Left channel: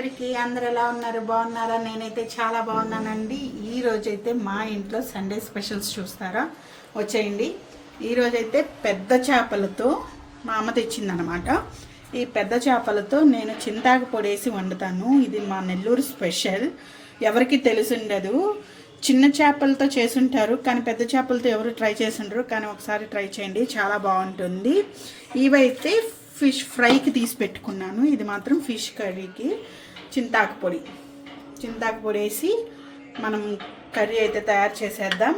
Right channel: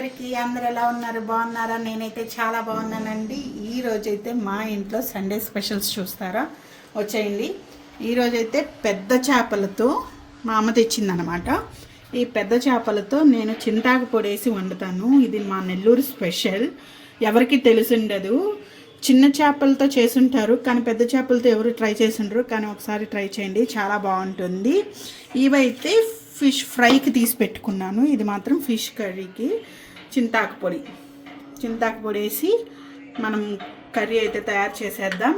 అందరికీ. అందరు ఎలా ఉన్నారు? బాగున్నారా? నేనైతే చాలా బాగున్నానండి. ఈ రోజైతే మా ఇంట్లో సండే స్పెషల్స్ చూస్తారా, వచ్చేయండి. ఈరోజైతే పెద్ద చేపలతో మా అమ్మ తెచ్చిందనమాట. ఈ పెద్ద చేపలతో నేను చింతాకు పొడేసి వండుతాను. ఇది మా నెల్లూరు స్పెషల్. ఎవరికి తెలిసిండదు. చిన్న చేపలతో చేసుంటారు కానీ పెద్ద చేపలతో ఎవరు ట్రై చేసుంటారు, కానీ ఒకసారి ట్రై చేయండి, చాలా బాగుంటుంది. ఇవైతే ఫిష్ ఫ్రైకి తీసి పెట్టుకున్నాను. ఇది మాత్రం ఫిష్ కర్రీకి చింతాకు పొడి వేసి మనం కర్రీ అయితే తయారు చేసేద్దాం.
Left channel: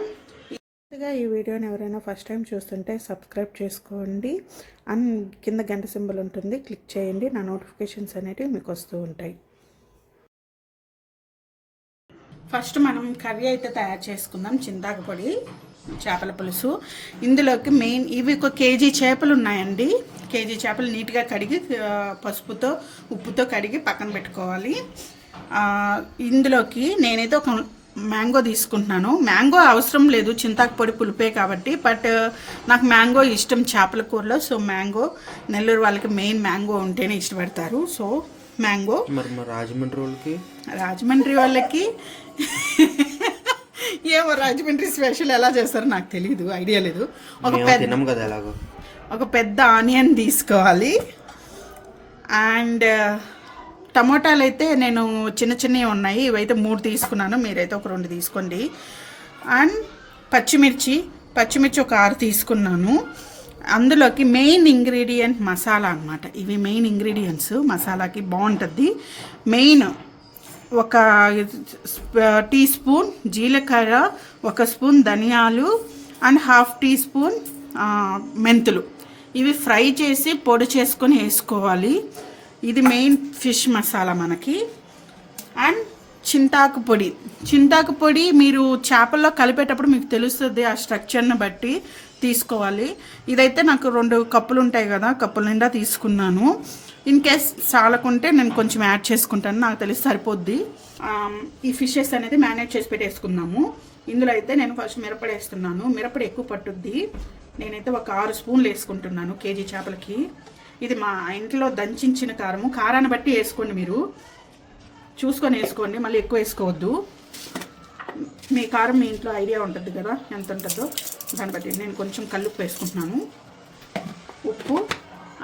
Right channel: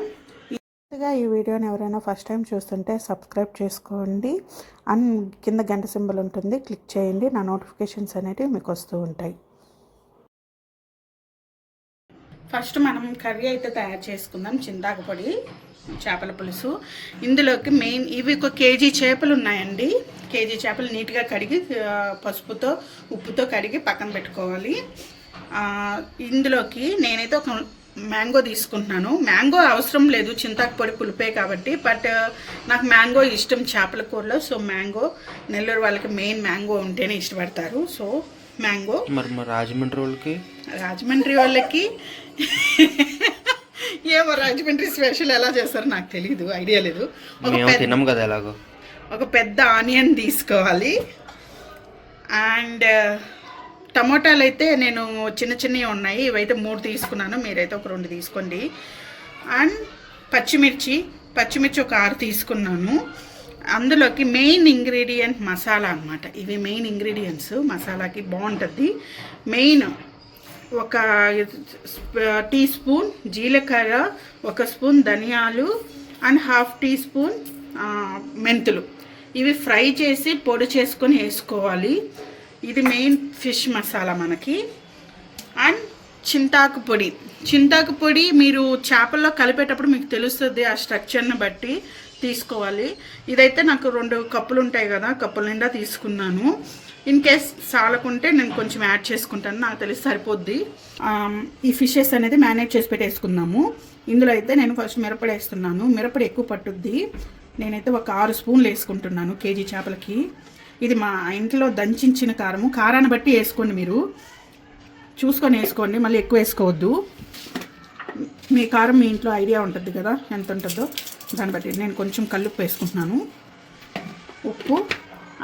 ఈ వీడియోని ఎవరైనా ఫస్ట్ టైం చూస్తుంటే సబ్స్క్రైబ్ చేసుకోండి. అండ్ కింద గంట సింబల్ ఉంటుంది, క్లిక్ చేయండి. నా నోటిఫికేషన్స్ అనేవి మీకు వస్తూ ఉంటాయి. ఫస్ట్ మనం కర్రీ అయితే తయారు చేసుకుందాం. చింతాకు పొడి, చేపల పులుసు. ఇందులోకి మెయిన్ ఇవి ఒక కేజీ చేపలు ఉన్నాయండి. కేజీ చేపలు నీట్గా కడిగి పసుపుతో ఉప్పుతో కడిగి పక్కన పెట్టుకోవాలి. ఇందులోకి నేనైతే ఒక మ్యాంగో తీసుకుంటున్నాను. మ్యాంగో అవసరం లేదు, చింతాకు పొడి పులిపే కాబట్టి, బట్ నాకు మ్యాంగో ఇష్టం చేపల కూరలో. సో మ్యాంగో, నెల్లూరు వాళ్ళకి మెయిన్ మ్యాంగో ఉంటేనే ఇష్టపడతారు. So mango. మరి రాజమండ్రి వాళ్ళకి ఏమో రాజమండ్రి స్పెషల్ ఎలా చేస్తారో నాకు తెలీదు, ఐడియా లేదు. ఒక పెద్ద ఆనియన్ తీసుకోవాలి. అండ్ టమోటాలు అయితే నేను చిన్న చిన్నవి ఉన్నాయి, ఇవైతే 3 తీసుకున్నాను, మీరైతే ఒక 2 తీసుకోండి. అండ్ పచ్చిమిర్చి ఒక 6 తీసుకున్నాను. అందులోకి మెయిన్ ఇంగ్రీడియంట్ మసాలా అన్నమాట. ఇవి మెయిన్ ఇంగ్రీడియంట్స్, మసాలాకి బాగుంటుంది. మెయిన్ ఒక టీ స్పూన్ జీలకర్ర, 1 స్పూన్ ధనియాలు అండ్ 1/2 టీ స్పూన్ మెంతులు. ఇవి ఫ్రై చేసి పొడి చేసుకొని వేసుకోవాలి. ఇది మెయిన్ ఫిష్ మసాలా మనకి. అండ్ చింతాకు పొడి మీరు చేపల్లో కలిపేటప్పుడు మీకు తెలుస్తుంది, ఆ స్ట్రక్చర్ని బట్టి తీసుకోవాలి. ఇదైతే నాకు 2 కప్పులు ఉంటాయి కదా, కప్పుల నిండా తీసుకున్నాను. ఇన్ కేస్ సాలకుంటే నేను కొంచెం యాడ్ చేసుకుంటాను, నాకు తెలిసి సరిపోద్ది. ఈ ఫిషెస్ అనేది మ్యారినేట్ చేసి పెట్టేసుకుందాము. ఇందులో అయితే నేను ఫస్ట్ మిరపొడి వేస్తున్నాను. మిరపొడి ఎక్కువ పట్టుద్ది. నేనైతే ఒక 6 స్పూన్లు వేసుకుంటున్నాను కేజీ చేపలకి. ఇది మా ఇంట్లో దంచిన కారాన్ని బట్టి వేసుకోండి, మీరు చూసుకొని వేసుకోండి, మళ్ళీ ఎక్కువ వేసుకోవద్దు. మీ కారం మీ ఇంట్లో ఐడియా ఉంటుంది కదా ఎంత ఉంటుందో, దాన్ని బట్టి. నేను కొంచెం కల్లుప్పు వేసుకుంటున్నాను, ఉప్పు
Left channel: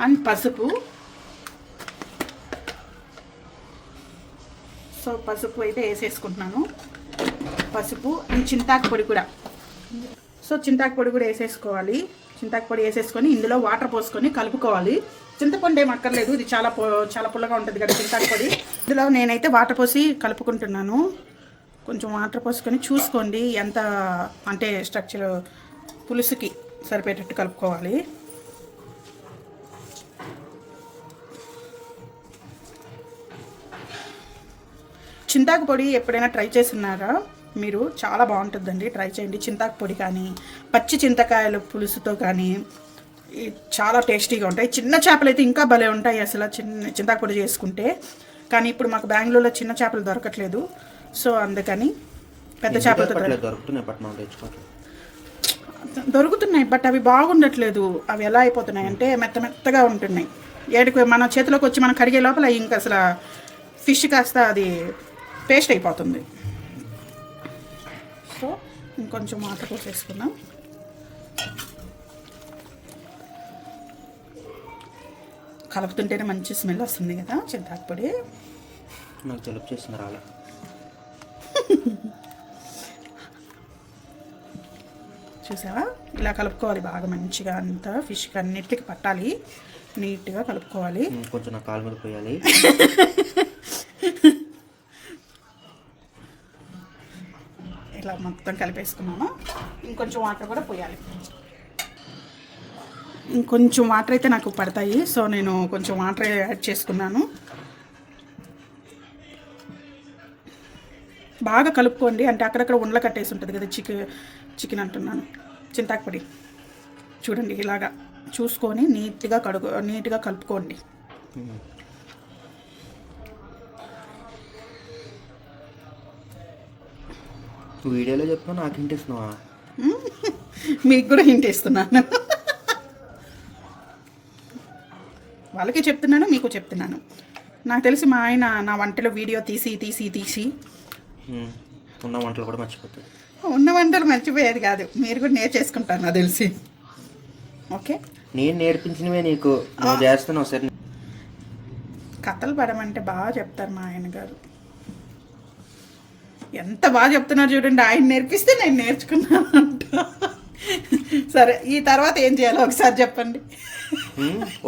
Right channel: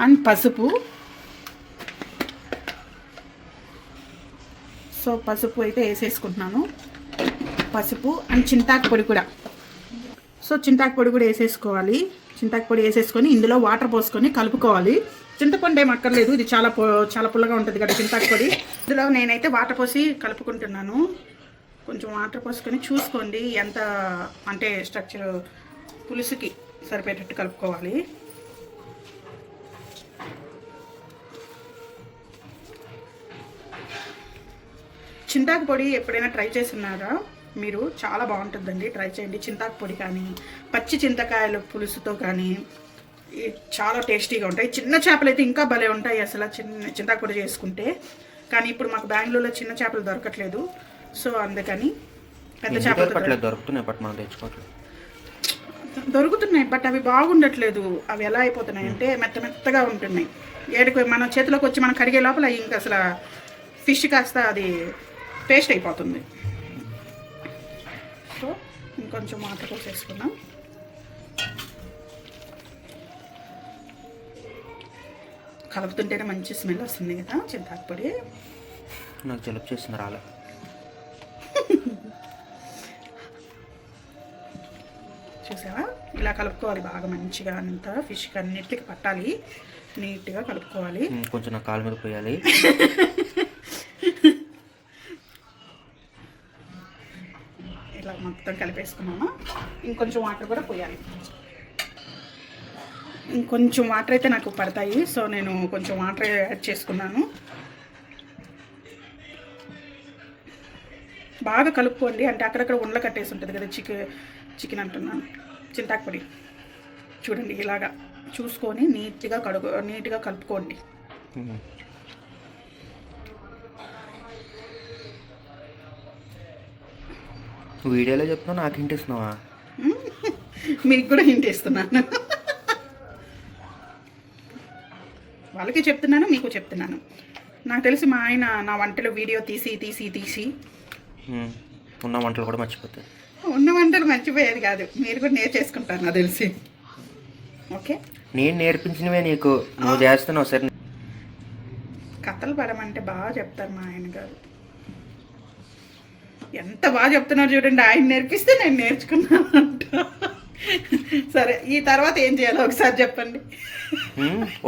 అండ్ పసుపు. సో పసుపు అయితే వేసేసుకుంటున్నాను, పసుపు అండ్ చింతాకు పొడి కూడా. సో చింతాకు పొడి కూడా వేసేసుకోవాలి. చింతాకు పొడి వేసేసుకొని ఇందులో వాటర్ పోసుకొని కలుపుకోవాలి. చింతపండు ఏం అక్కర్లేదు, ఇది చాలా పుల్లగా ఉంటుంది కదా చింతాకు పొడి. ఇందులో నేనైతే వాటర్ పోసి కలుపుకుంటున్నాను. కొంచెం వాటర్ పోసుకొని చూసుకోండి ఎంత అంటే స్ట్రక్చర్ పులుసుకి సరిపోయేటట్టు కలుపుకోవాలి. చింతాకు పొడి ఎప్పుడైనా ట్రై చేస్తున్నారా మీరు? చాలా బాగుంటుందండి, ట్రై చేయండి. చింతాకు పొడి కానీ పచ్చి చింతకాయల పులుసుతో కానీ చాలా టేస్టీగా ఉంటాయి. చిన్న చేపలు అయితే ఇంకా భలే ఉంటాయి అసలు చింతాకు పొడి చేసుకుంటే. కానీ ఇప్పుడు మాకు బెంగళూరులో చిన్న చేపలు దొరకట్లేదు, సో అందుకని పెద్ద చేపలు దొరుకుతున్నాయి, బట్ అవి బాగుండట్లేదు. అవి ఎలా అయిపోతున్నాయి అంటే మెత్తగా ఉంటున్నాయి. ఏడుకు మన చేతిలోకి వచ్చి మనం కడిగే లోపల ఇంకా అసలు ఫిష్ కాస్త అది పేస్ట్ అయిపోతుంది. సో ఇంకొంచెం వాటర్ పోసేసుకున్నాం. కలుపుతుంటేనే మంచి స్మెల్ వస్తుంది కదా చింతాకు పొడి. నాకు జలుబు చేస్తుంది రాలే. చూసావా, ఇలా కలుపుకోవాలి బాగా మంచిగా, అంతా ఫిష్కి అన్నిటికి పట్టాలి, నీట్గా కలుపుకోవాలి. కొంచెం నా కాలు మీద పోయాలి. ఇలా మొత్తం కలిపేసుకున్నామా. ఇంకొంచెం వాటర్ కూడా పోయాలి. ఇంకొంచెం వాటర్ అయితే నాకు పడతాయి, సో నేను కొంచెం వాటర్ యాడ్ చేసుకున్నాను. బాగా కలుపుకోండి, అంటే అక్కడక్కడ ఉండలు కట్టేసి ఉంటుంది కదా చికెన్ అంటున్నాను, చింతాకు పొడి. చూడండి ఇలాగా చూసుకొని నీట్గా కలుపుకోండి. వీడియోలో చెప్తున్నా, నాకు హింట్ ఇస్తున్నావా? మీకు కూడా హింట్ ఇస్తున్నాను. వాళ్ళకి చెప్తున్నాను, మీకు చెప్తున్నాను. నాకు తెలిసి మా ఆయన నా వంటలో వీడియో తీసి ఉన్న వంటలు కూడా మర్చిపోతాయి. ఉన్న వంటలు మర్చిపోయేది కాదు, మీరు కూడా నేర్చేసుకుంటారు నాకు తెలిసి. ఓకే, నేను నేర్పించినవే నీకు, నువ్వు చేస్తున్నావు సరే. కథలు పడమంటే బాగా చెప్తారు మా ఆయన గారు. ఎంత బాగా చెప్తున్నారు చూడండి, ఆయన నేర్పిస్తే నేను నేర్చుకున్నాను అంట. సరే, ఈ తర్వాత ఏం చేయాలో ఒకసారి చెప్పండి.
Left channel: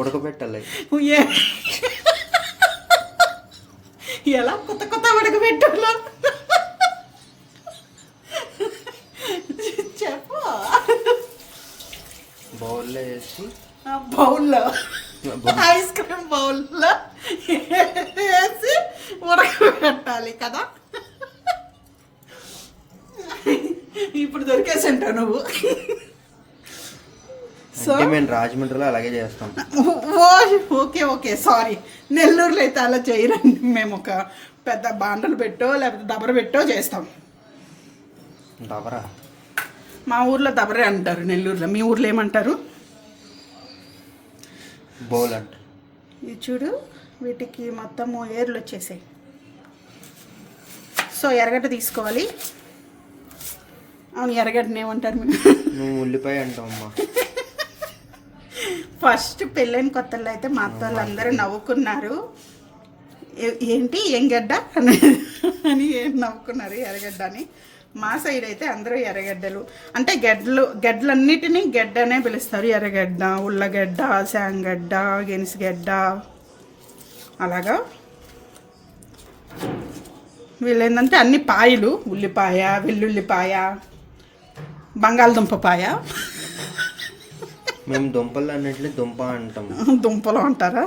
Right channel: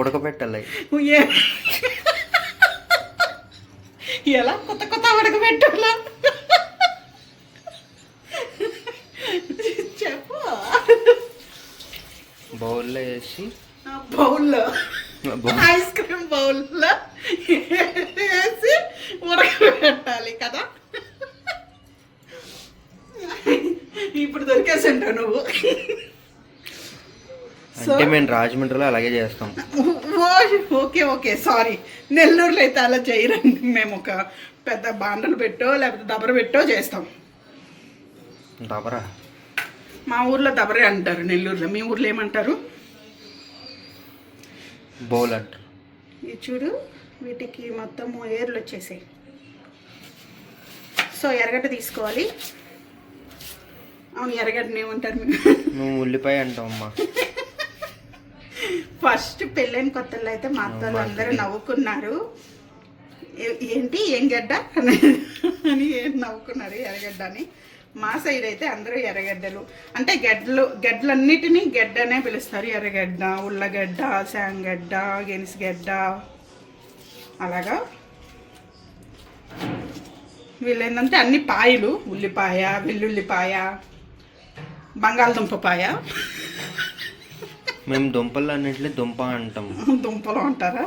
ఉడకబెట్టాలి. ఎలా కొత్త కొత్త ఉడకబెట్టాలా చెప్పు. బౌల్లో వేసి, బౌల్లో ఐస్ క్రీమ్ బౌల్లో వేసి ఉడకబెట్టాలి కదా. ఇప్పుడు దొరికేసంటావు నువ్వు. అంటే మేము రాజమండ్రిలో అలాగే చేస్తాం. Okay okay, sorry. నెల్లూరులో అయితే అలా చేయరండి. మేము ఒక పెద్ద బాండలు పెట్టో లేకపోతే దబర పెట్టో చేస్తాం. దబరా మా ఊర్లో దబరే అంటారు, నెల్లూరులో. మీ ఊర్లో ఏమంటారు? బౌల్ అంటారు. ఇది చూడు, వీటికి మొత్తము ఏర్లు వచ్చేసాయి. సో ఎర్రగడ్డ తీసుకోవాలి. అవును, ఎర్రగడ్డని ఏమంటారు? నువ్వు ఉల్లిపాయ అంటావమ్మా. ఫస్ట్ పెళ్ళైన కొత్తలో అయితే మా అత్తలు అందరూ నవ్వుకున్నారు. ఏంటి ఏం గడ్డ అని నవ్వుకున్నారు, ఎర్రగడ్డ అని. మా సైడ్ అయితే అందరూ ఎర్రగడ్డలు అంటే గడ్డలన్నిటినీ గడ్డ అనే పిలుస్తారు. ఎర్రగడ్డ, ఉల్లగడ్డ, శాంగడ్డ, గెనిసిగడ్డ అలాగా. వీళ్ళేంటంటే అన్ని పాయలు, ఉల్లిపాయ, వెల్లుల్లిపాయ, బంగాళదుంపపాయ. మేము దుంపలు అన్నింటినీ దుంప అంటాం. దుంపలు అంటారా?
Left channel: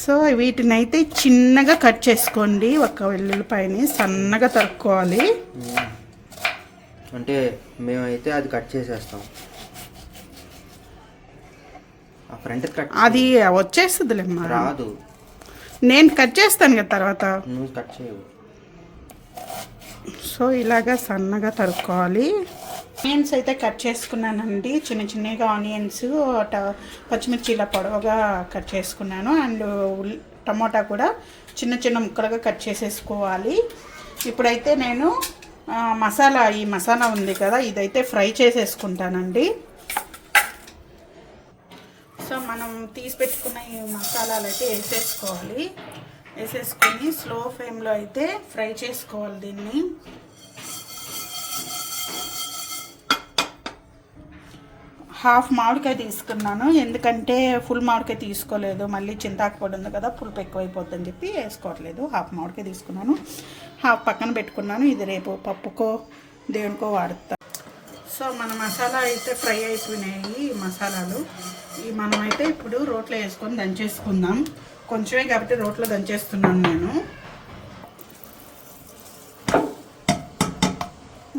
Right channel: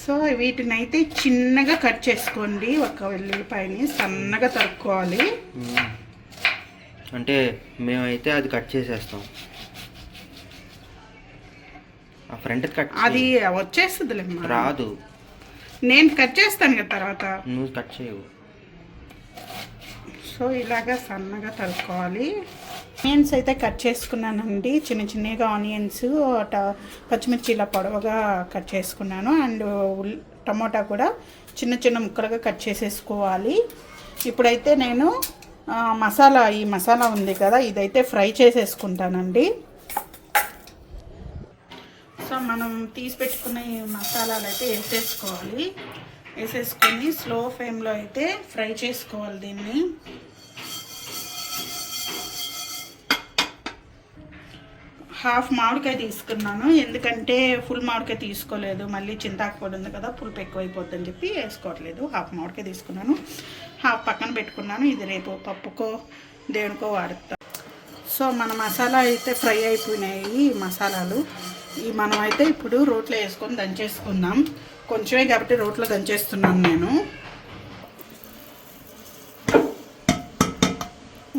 సో వీటిని అయితే చిన్నగా కట్ చేసుకోండి. ఒక వెల్లుల్లిపాయని సన్నగా తరుక్కోవాలి. అంటే మేమైతే అది కట్ చేసేస్తాం. ఆ ఫ్రంట్ కట్ అది వచ్చేస్తుంది రాదు. నేను కట్ చేస్తాను కదా తర్వాత. నువ్వు కట్ చేయవు. సో ఇలాగా సన్నగా తరుక్కోవాలి. ఆనియన్స్ అయితే కట్ చేసుకున్నానండి, చిన్న చిన్నగా ఆనియన్స్, పచ్చిమిర్చి ఇలా పొడవుగా కట్ చేసుకున్నాను. అండ్ టమోటా కూడా చిన్న చిన్న ముక్కలుగా కట్ చేసేసుకోవాలి. ఇప్పుడైతే నేను ఈ మసాలా ఉంది కదా, ఇదైతే ఫ్రై చేసేసుకుంటానండి. సో మనం తీసి పెట్టుకున్న ఈ మసాలాలు అయితే వేసేసుకొని స్లో ఫ్లేమ్లో అయితే ఫ్రై చేసుకోవాలి దీన్ని. హాఫ్ మామిడికాయ తీసుకున్నాను, ఎందుకంటే ఫుల్ మామిడికాయ తీసుకోలేదు. మళ్ళీ చింతాకు పొడి ఉంది కదా, పులుపు ఎక్కువైపోతుందని చెప్పి వేసుకోవట్లేదు. హాఫ్ మామిడికాయ తీసుకున్నాను, హాఫ్ పక్కన పెట్టుకున్నాను. ఇది రేపు పప్పుకో దేనికో వాడుతా. సో మన మసాలా అయితే ఫ్రై అయిపోయినాయి. ఈ మసాలాలు మనం అయితే ఇప్పుడు రోట్లో వేసుకొని దంచేసుకుందాం. కొంచెమే కాబట్టి రోట్లో దంచేస్తున్నాను నేను.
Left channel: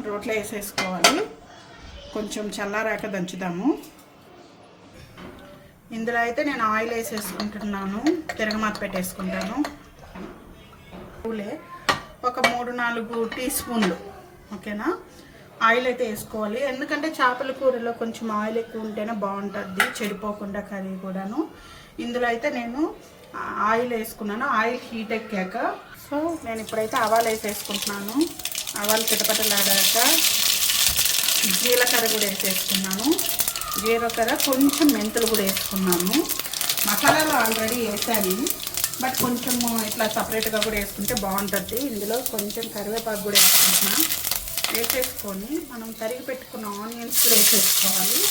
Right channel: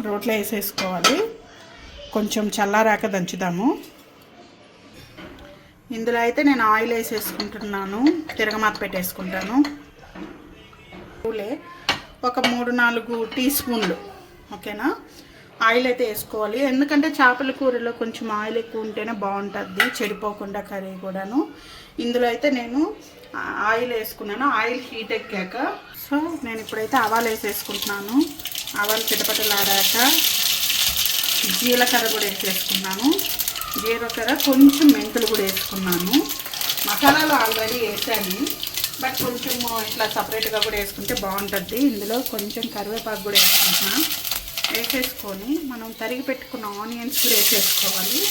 రోట్లో వేసేసుకోవాలి, కొంచెం చల్లారాక దంచుదాము. ఇందులో అయితే నేను ఆయిల్ వేసేసుకుంటున్నాను, తిరగమాత పెట్టేసుకుంటాను. ఒక 3-4 టీ స్పూన్లు ఓకేనా ఆయిల్ అయితే వేసుకోవాలి. ఎందుకంటే చేపల కూరలో కొంచెం ఆయిల్ ఎక్కువ ఉంటేనే బాగుంటుంది, చెడిపోకుండా కర్రీ కూడాను. ఇందులో అయితే నేను ఆయిల్ వేసుకున్నాను. ఆయిల్ హీట్ ఎక్కాక సో నేను ఇప్పుడైతే ఆవాలు వేసేసుకుంటున్నాను. ఆవాలు చిటపటలాడాక జీలకర్ర కూడా వేసేసుకున్నాను. జీలకర్ర, కొంచెం మెంతులు కూడా వేసుకున్నాను. మసాలాలు ఆల్రెడీ వేసాను, బట్ కొంచెం ఇట్లా సపరేట్గా కూడా వేసుకుంటే బాగుంటుంది. ఇందులో కొంచెం కరివేపాకు కూడా వేసుకుంటున్నాను. వేసేసుకొని మనం తరిగి పెట్టుకున్న ఆనియన్స్ కూడా వేసేసుకోవాలి.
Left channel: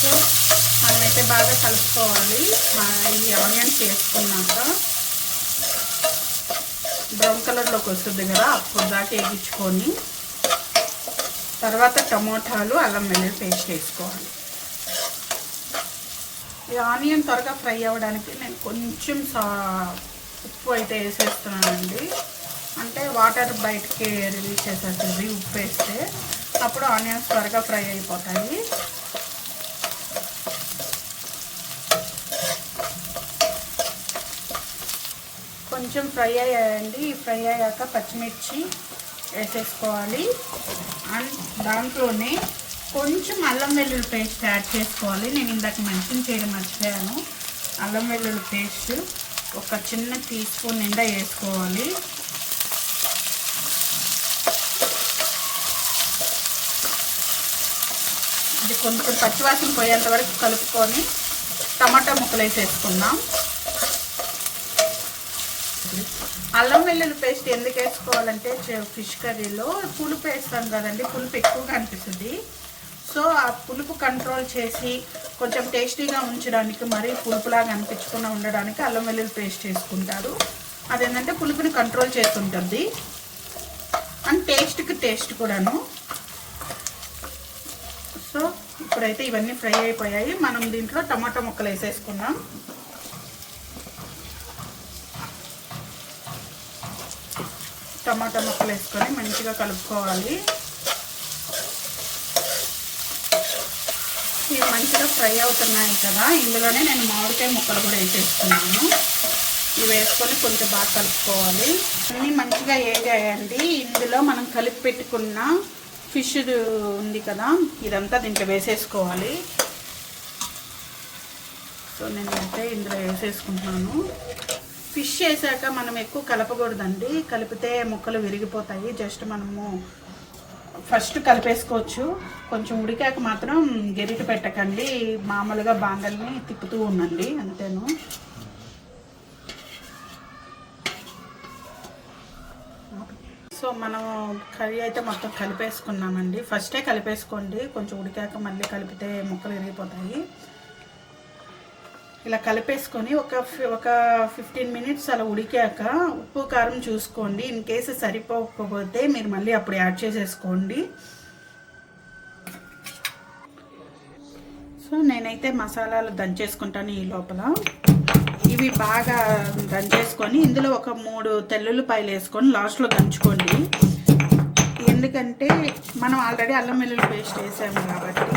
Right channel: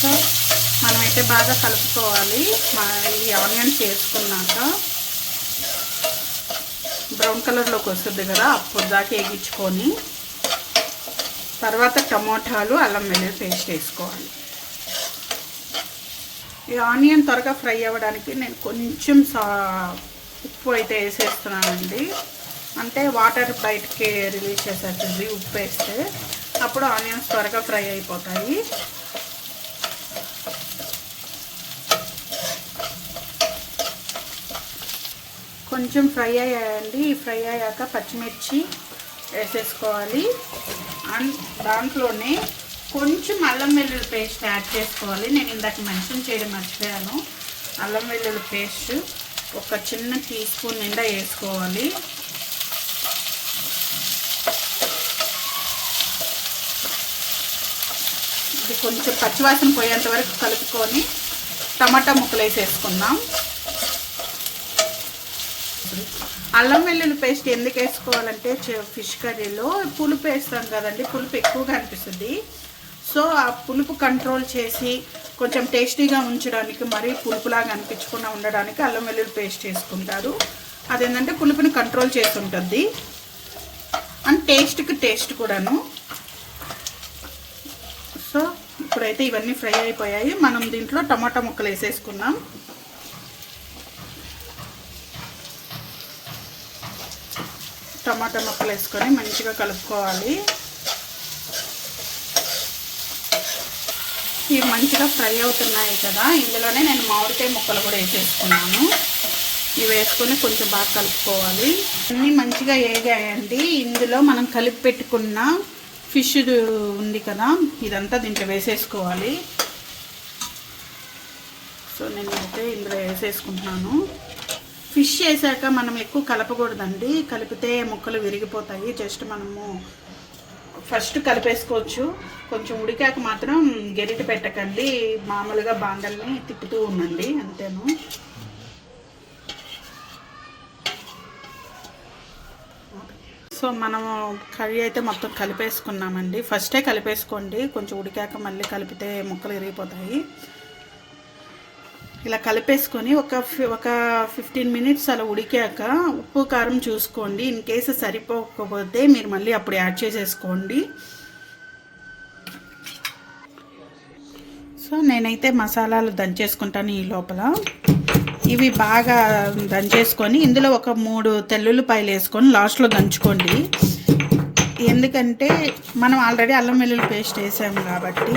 సో మనమైతే బాగా కలుపుకోవాలి. ఈ ఆనియన్స్ వేసుకున్నాక బ్రౌన్ కలర్లోకి వస్తుంది కదా, అప్పుడు దాకా వేగించుకొని తర్వాత టమోటాలు, అల్లం వెల్లుల్లి పేస్ట్ వేసుకోవాలి. ఈ ఆనియన్ త్వరగా ఫ్రై అవ్వడానికి నేను కొంచెం ఉప్పు అయితే వేసేస్తున్నానండి. అంటే వాటర్ బయటకి రిలీజ్ చేసేస్తుంది ఉప్పు వేస్తే, అప్పుడు ఆనియన్స్ త్వరగా ఫ్రై అయిపోతాయి. కొంచెం ఫ్రై అయ్యాయండి. ఫ్రై అయ్యాక పచ్చిమిర్చి వేసేసుకోవాలి. అండ్ దాంట్లోనే కొంచెం అల్లం వెల్లుల్లి పేస్ట్ యాడ్ చేసుకోవాలి. నేను ఇందాక మెన్షన్ చేయడం మర్చిపోయాను. అల్లం వెల్లుల్లి పేస్ట్ ఒక చిన్న టీ స్పూన్ నిండా వేసుకోవాలి. ఇది కొంచెం పచ్చివాసన పోయేంత వరకు కలుపుకొని టమాటా ముక్కలు వేసేసుకుందాం. అల్లం వెల్లుల్లి పేస్ట్ ఎందుకు వేసుకోవాలంటే ఫిష్ కర్రీలో పులుపు వేస్తాం కదండి, పులుపు ఎక్కువగా అనిపిస్తుంది. సో ఆ పులుపు కంట్రోల్ చేసి కొంచెం టేస్టీగా ఉంచడానికి, మరీ పులుపులాగా అనిపించకుండా ఉండడానికి అల్లం వెల్లుల్లి పేస్ట్ వేసుకుంటారు. అదేంటంటే పులుపుని కంట్రోల్ చేస్తుంటుంది అండ్ టేస్ట్కి టేస్ట్ కూడాను. సో ఇప్పుడైతే ఇవన్నీ ఫ్రై అయిపోయాయి. మనం దీంట్లో టమాటా ముక్కలు వేసేసుకున్నాం. టమాటా ముక్కలు వేసుకొని మంచిగా కలుపుకోవాలి. ఇవి మంచిగా ఫ్రై అవుతున్నాయి కదా, ఇందులోనే నేను మామిడికాయ ముక్కలు కూడా వేసేస్తున్నాను. ఇవి వేసుకొని కొంచెం బాగా కలుపుకోవాలి. అన్నీ మంచిగా వేగాయండి. ఇందులో మనం కలిపి పెట్టుకున్న ఫిష్ ఉంది కదా, ఇదంతా దీంట్లో వేసేసుకోవాలి. సో నేనైతే ఇందులో వేసేసుకుంటున్నాను. ఫిష్ వేసాక మనం ఎక్కువ కలపకూడదండి, కలిపితే ముక్కలు విరిగిపోతాయి. జస్ట్ మనము ఫస్ట్ కలిపేసుకోవచ్చు. కొంచెం ఉడికాక మాత్రం గెరిటి పెట్టకండి, మామూలుగా బాండల్ని తిప్పుతూ ఉండండి, అంతేను. సో మనం కర్రీ అయితే మొత్తం కలిపేసుకున్నామండి. ఫస్టే కలిపేసుకోండి, కొంచెం ఉడికాక మళ్ళీ కలిపితే ముక్కలు విరిగిపోతాయి. ఇలా కలిపేసుకొని ఒక 15 మినిట్స్ అలా ఉడికాక ఉప్పు కారం చూసుకోండి. ఇన్ కేసు సరిపోకపోతే మీరు మళ్ళీ అప్పుడు యాడ్ చేసేసుకోండి. సో నేనైతే మసాలాలు దంచేసుకుంటాను ఈ లోపల. ఇవి బాగా దంచేసుకొని ఇందులో ఒక 3 తెల్లుల్లిపాయలు వేసుకొని లాస్ట్లో దంచుకోండి. ఎందుకంటే మనం ఆల్రెడీ అల్లం వెల్లుల్లి పేస్ట్ వేసాము కాబట్టి.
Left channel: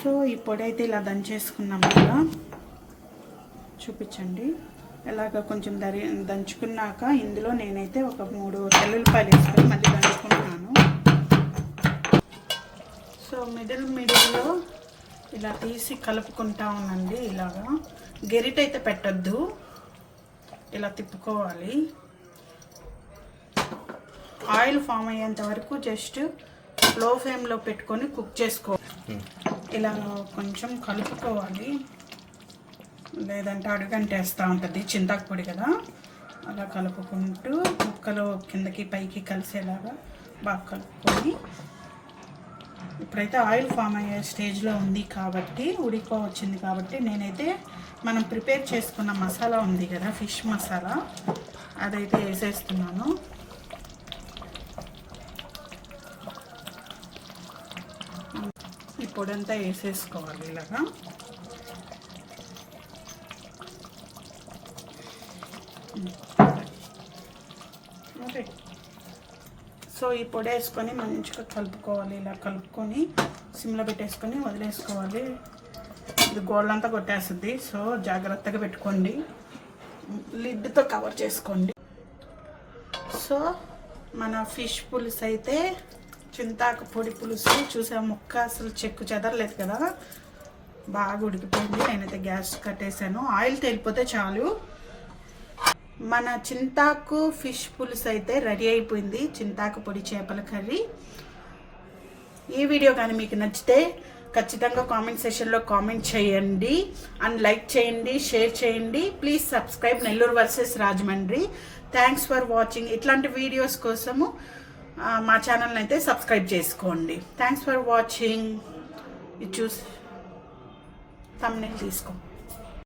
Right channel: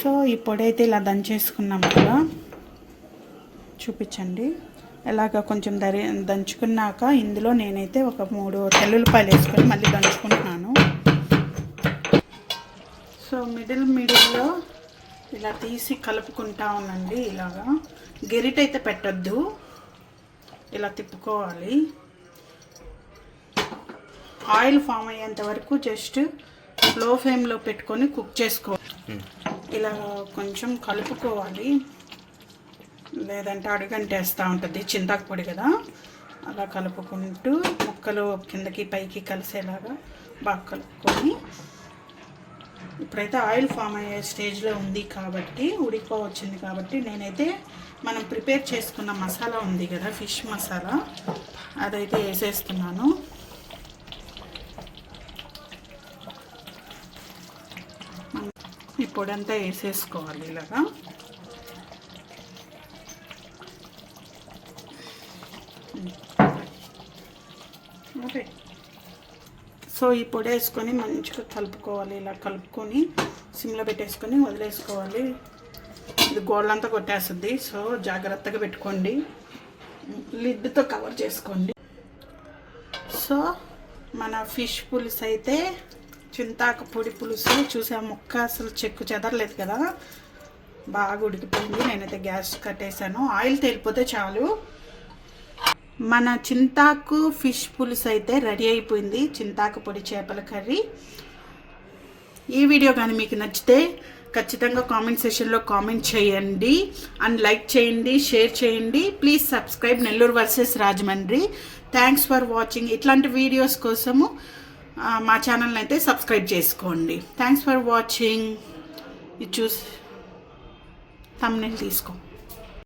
సో ఈ పొడి అయితే ఇలా దంచేసుకున్నాం కదా, చూపించండి. ఇలాగ కొంచెం దంచుకున్నాక ఇందులో నేనైతే ఒక 3 తెల్లుల్లిపాయలు వేసుకొని మళ్ళీ దంచుకుంటున్నాను. సో మిడిల్లో ఇలా తీసి కలుపుకుంటా ఉండండి. ఇలాగా గెరిట అయితే పెట్టద్దు, ఇలా తిప్పుకోవాలి. ఆయిల్ ఫామ్ అయ్యేంత వరకు జస్ట్ లో ఫ్లేమ్లో పెట్టుకొని కుక్ చేసుకోవాలి. ఇలా కొంచెం కలుపుకోవాలి, లేదంటే అడుగంటేస్తూ ఉంటుంది, చింతాకు పొడి కదా. అలా కలుపుకుంటూ ముక్కలు కిందకి పైకి కలిసేలాగా బాగా కలుపుకొని, ఇప్పుడైతే ఆయిల్ ఫామ్ అయ్యే స్టేజ్లో ఉంది కాబట్టి, ఉడికిపోవచ్చింది కాబట్టి నేనైతే మనం ప్రిపేర్ చేసుకున్న మసాలా ఉంది కదా, ఫిష్ మసాలా, అదైతే వేసేస్తున్నాను. ఈ పొడి అంతా వేసేసుకోవాలి ఇలాగా. ఓకే, సో ఈ పొడి వేసుకొని మంచిగా కలుపుకోవాలి. ఇలా కలుపుకొని సిమ్లో పెట్టేసుకొని వదిలేసుకోవాలి. ఇది గోళ్ళంతా కొట్టేస్తుంది, సో జాగ్రత్తగా పెట్టుకోండి, లిడ్తో కవర్ చేసుకోండి. సో మన ఫిష్ పులుసు అయితే చింతాకు పొడి పులుసు చూసా, ముక్క అసలు చెక్కు చెదరలేదు కదా, బాగా ఉడికిపోయింది. నేనైతే గ్యాస్ కట్టేసాను, ఆయిల్ తేలిపోతే చాలు. మన చింతాకు ఫిష్ పులుసు అయితే రెడీ అయిపోయింది, చింతాకు పొడి చేపల కర్రీ. ఈ వీడియో కానీ మీకు నచ్చితే ఖచ్చితంగా కామెంట్ సెషన్లో కామెంట్ చేయండి అండ్ లైక్ చేయండి, షేర్ చేయండి. Please subscribe Nellore versus Rajahmundry. Thanks for watching. ఇట్లాంటి వీడియోస్ కోసము మా ఛానల్ని అయితే సబ్స్క్రైబ్ చేసుకోండి. Thanks for watching. ఇది చూసి థంబ్నెయిల్ తీసుకో.